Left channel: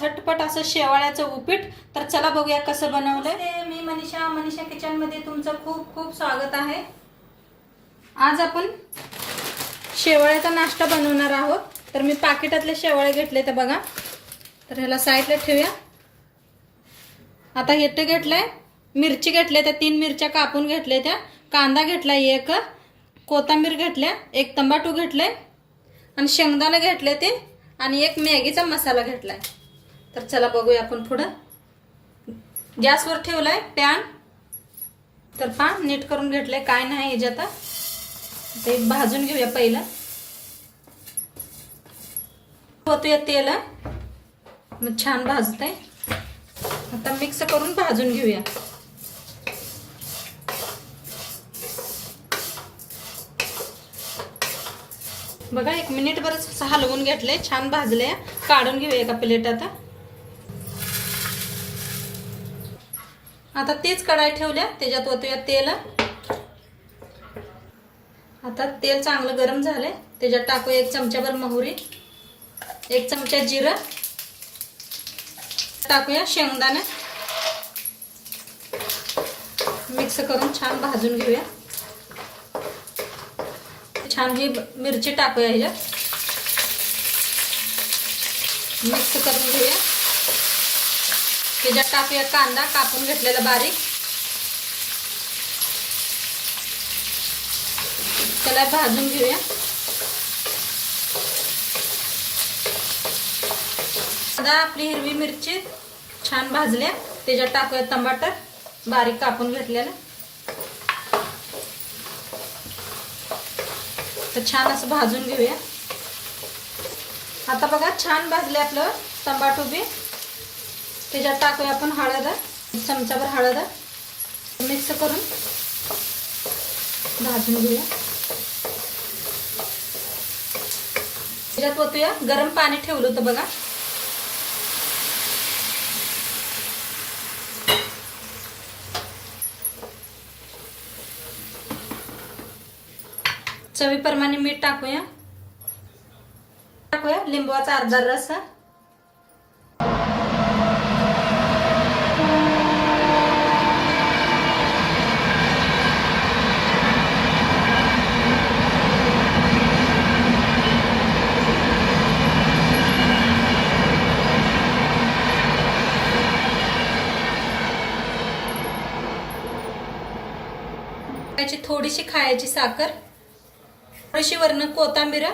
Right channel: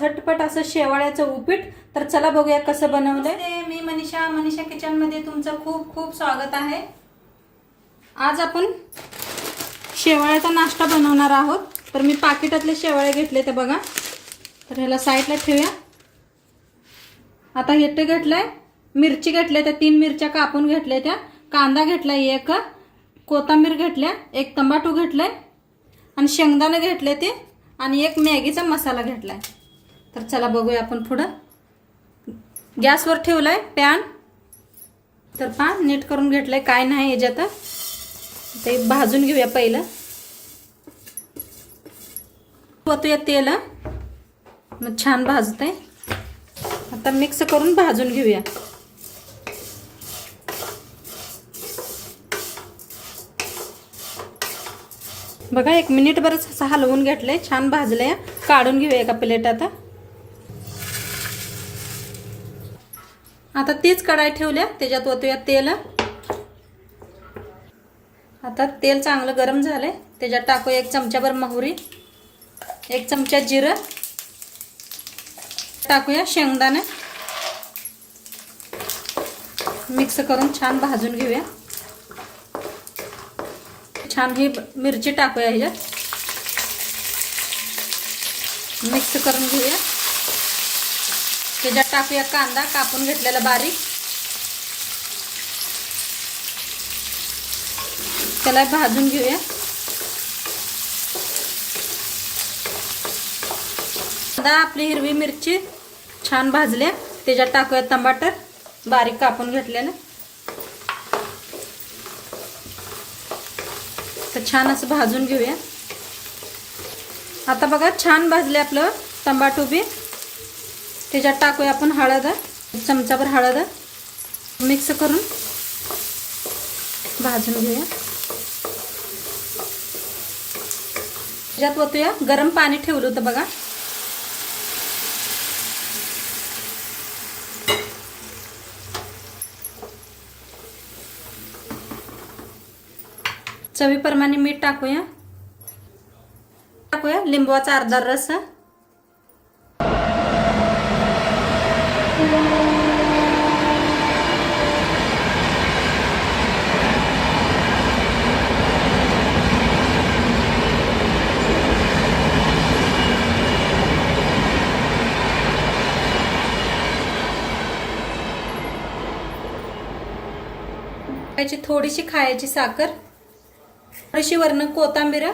झटपट असं शेवाळ्याचं उपीट। तर चला बघूया कसं बनवलंय। मी मनीषा किचन मध्ये तुमचं खूप खूप स्वागत आहे। आज आपण शेवाळ्याचा नाश्ता बनवणार आहोत। तर मी पाकिटातले शेवाळे घेतले ते बघा। तर ह्याला साईडला ठेवूया। आता हे घेतलंय, मिरची घेतल्या त्या 3 मिरच्या कापून घेतल्या त्या, कांदा घेतलाय एक, कोथिंबीर घेतल्या, एक टमाटो घेतलाय आणि शेंगदाणे घेतले ते आणि एक मॅगीचा मसाला घेतलाय। तर चला बघूया आपण पुढं। गॅसवर ठेवलाय पॅन। तर पॅन नीट करून घेतलाय, काय नाही याच्यात। ते भाजून घेऊया पहिलं। होतंय तेल, मग छान भाजतंय। आता मिक्स करून भाजून घेऊया। बघा 1 मिनिट बरच हलवून घेतले, छान भाजले। काढून घेऊया एका प्लेटात। आता तीच कढाई ठेवल्या, त्याच्यात ओतूया तेल। आता तेल चांगलं गरम झालंय, त्याच्यात टाकूया 1 चमचाभर मोहरी, 1 चमचा जिरं, टाकूया शेंगदाणे, मिक्स करून छान भाजून घेऊया। छान ही मिरची टाकूया ह्याच्यात, मिक्स करून घेऊया। त्याच्यात टाकूया कांदा कापून घेतलेला बारीक, त्याला भाजून घेऊया। आता आपली हिरवी मिरची छान भाजल्या, त्याच्यात टाकूया टमाटर बारीक कापून घेतलेलं। तर छान असं भाजून घेऊया। आता बघा छान भाजले आपलं टमाटो बी। त्याच्यात टाकूया आपण हळद, 1 चमचाभर हळद, मिक्स करून भाजून घेऊया। त्याच्यात ओतूया गरम पाणी ठेवलं होतं बघा। चवीप्रमाणे मीठ टाकूया, लिंबूचा अर्धा रस, थोडीशी खायची साखर, थोडीशी वरनं कोथिंबीर,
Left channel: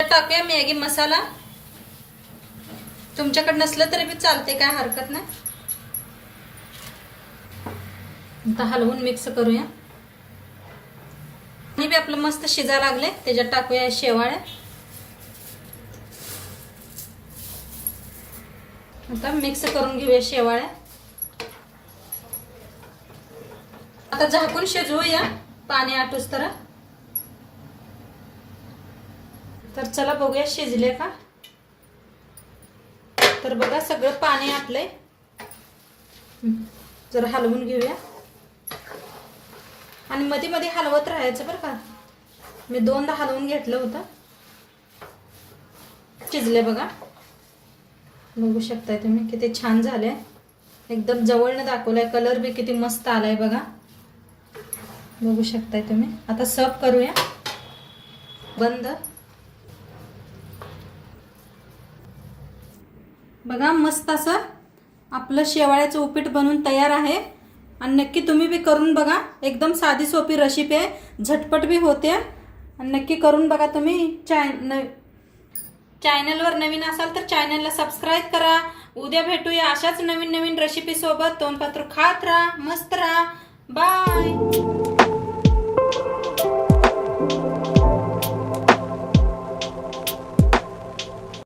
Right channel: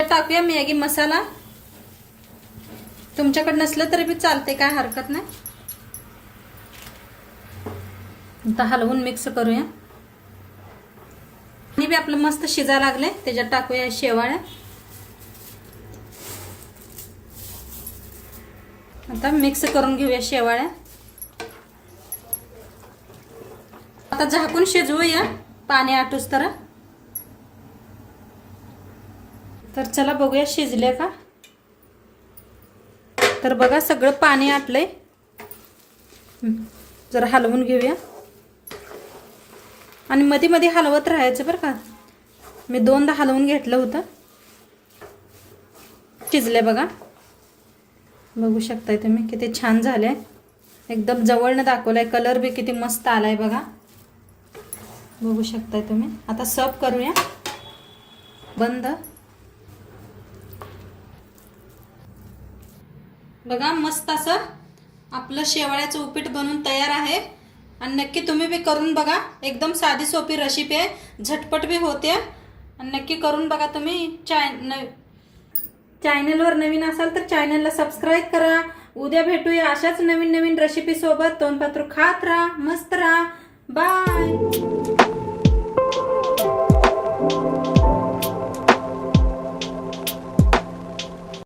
टाकूया मॅगी मसाला। तुमच्याकडे नसलं तरी बी चालते, काय हरकत नाही। आता हलवून मिक्स करूया। आणि बी आपलं मस्त शिजा लागले, त्याच्यात टाकूया शेवाळ्या। आता मिक्स करून घेऊया शेवाळ्या। आता झाकून शिजवूया पाणी आटूस तर। तर चला बघूया शिजले का। तर बघा सगळं पाणी आटलंय। जरा हलवून घेऊया आणि मध्ये मध्ये हलवत राहायचं बरं का। मी 2दा हलवून घेतलं होतं। शिजले बघा, बघू शकताय तुम्ही किती छान झाले। एकदम जवळनं दाखवलाय, कलर बी किती मस्त आलाय बघा, बघू शकताय तुम्ही। आता सर्व करूया बंद। बघा मस्त असं आपलं शेवाळ्याचं उपीट बनून तयार आहे। आणि नक्की तुम्ही बी करून बघा, एकदम साधी सोपी रेसिपी आहे, झटपट बी होते। आणि नक्की करून बघा तुम्ही। चॅनलवर नवीन असाल तर चॅनलला सबस्क्राईब करा। उद्या भेटूया अशाच नवीन नवीन रेसिपी सोबत। तोंडपात्र खात राहा, मस्त राहा, बाय।